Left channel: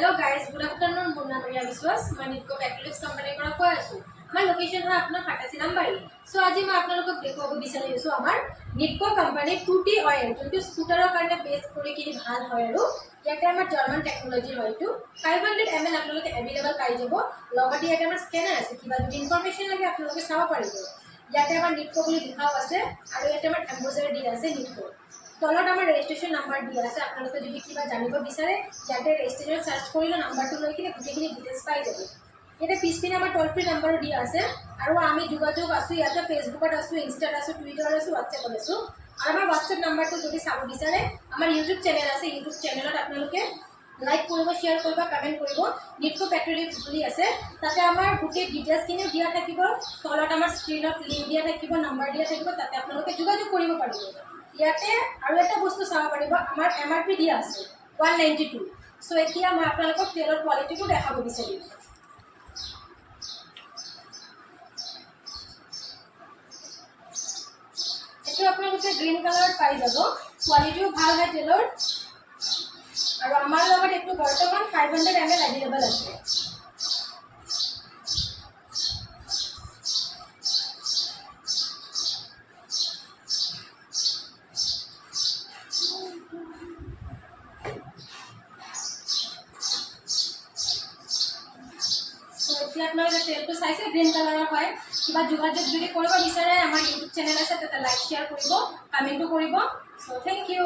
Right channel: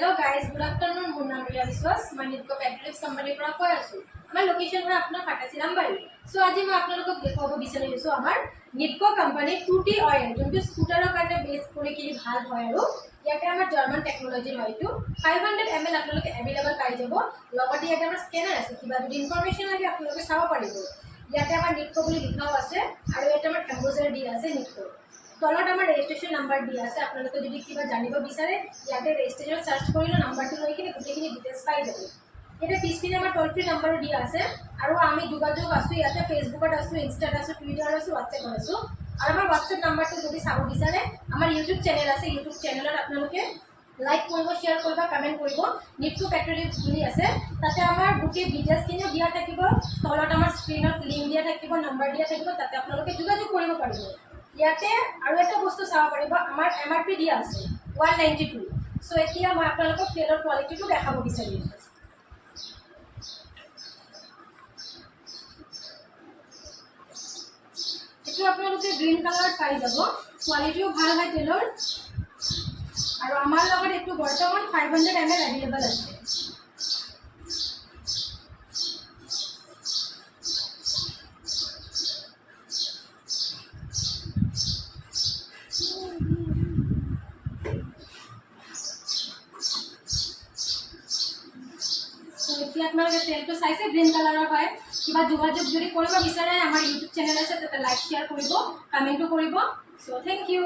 Hello guys, good afternoon. Good naam Riya Biswas. मैं Nitco पेट्रोलिक्स company পৰা কৈ আছো। আমাৰ লোকেশন হয় আপোনাৰ ফাটাসি নাম্বাৰী। সো আজি মই আপোনালোকক দেখুৱাব বিচাৰিছো আমাৰ নিটকো কোম্পানী 2T অয়েল যোনটো স্কুটাৰৰ কাৰণে বেছ কৰি কি ভাল হয় আৰু ইয়াতে আমাৰ জাৰ্মান টেকনলজি হয় এইটো 500 ml আপোনালোকে এভেইলেবল পাই যাব। লগতে ইয়াতে আমাৰ স্কেনাৰ আছে, কিবা যদি ইনফৰমেশন লাগে আপোনালোকে চাব পাৰিব। ইয়াতে আমাৰ নিটকো বুলি লিখাও আছে আৰু ইয়াতে আমাৰ এম্বজাৰ দি আছে নিটকো। তলত আমাৰ ৰেজিষ্ট্ৰেশ্যন নাম্বাৰ দিয়া আছে, আপোনালোকে যদি কিবা জানিব বিচাৰে ইয়াতে ৰেজিষ্ট্ৰেশ্যন সাৰ্চ কৰিলে নাম্বাৰটো লৈ কিনে গোটেইখিনি ডিটেইলছ পাই যাব। ইয়াতে পিছপিনে আমাৰ টোল ফ্ৰী নাম্বাৰো দিয়া আছে আৰু আমি যোগাযোগ আছো ইয়াতে ফেচবুকত আছো, ইনষ্টাত আছো, টুইটাৰত আছো, হোৱাটছএপত আছো। আৰু আমাৰ হোৱাটছএপ নাম্বাৰটো যদি চাব বিচাৰে আমাৰ ইউটিউব চেনেল আছে, ইউটিউব চেনেলত আপোনালোকে লাইক কৰিব, শ্বেয়াৰ কৰিব, কমেণ্ট কৰিব। নিটকো পেট্ৰলিক্স বুলি আছে, তাতে আমাৰ গোটেই ডিটেইলছখিনিও দিয়া থাকিব। তলত আমাৰ স্ক্ৰীনত লিংক দিয়া থাকিব, নাম্বাৰ দিয়া থাকিব, তাতে আপোনালোকে যোগাযোগ কৰিব পাৰিব। ইয়াতে আৰু এটা বস্তু চাব পাৰিব, আমাৰ MRP দিয়া আছে 192। সো এতিয়া মই আপোনালোকক তেলৰ কোৱালিটিটো দেখাব বিচাৰিম। এইটো আপোনালোকে গ্ৰীণ কালাৰত পাই যাব, কোৱালিটিও ভাল হয় তেলৰ। আৰু আমাৰ লগত এইটো বৰ্তমান 500 ml এভেইলেবল আছে। এতিয়া আপোনালোকে তেলটো চাইছে গ্ৰীণ কালাৰৰ হয়। কিবা যোগাযোগ যদি কৰিব বিচাৰে আমাৰ ইউটিউব চেনেল আছে, তাতে লাইক শ্বেয়াৰ কৰিব, কমেণ্টো কৰিব। So thank U.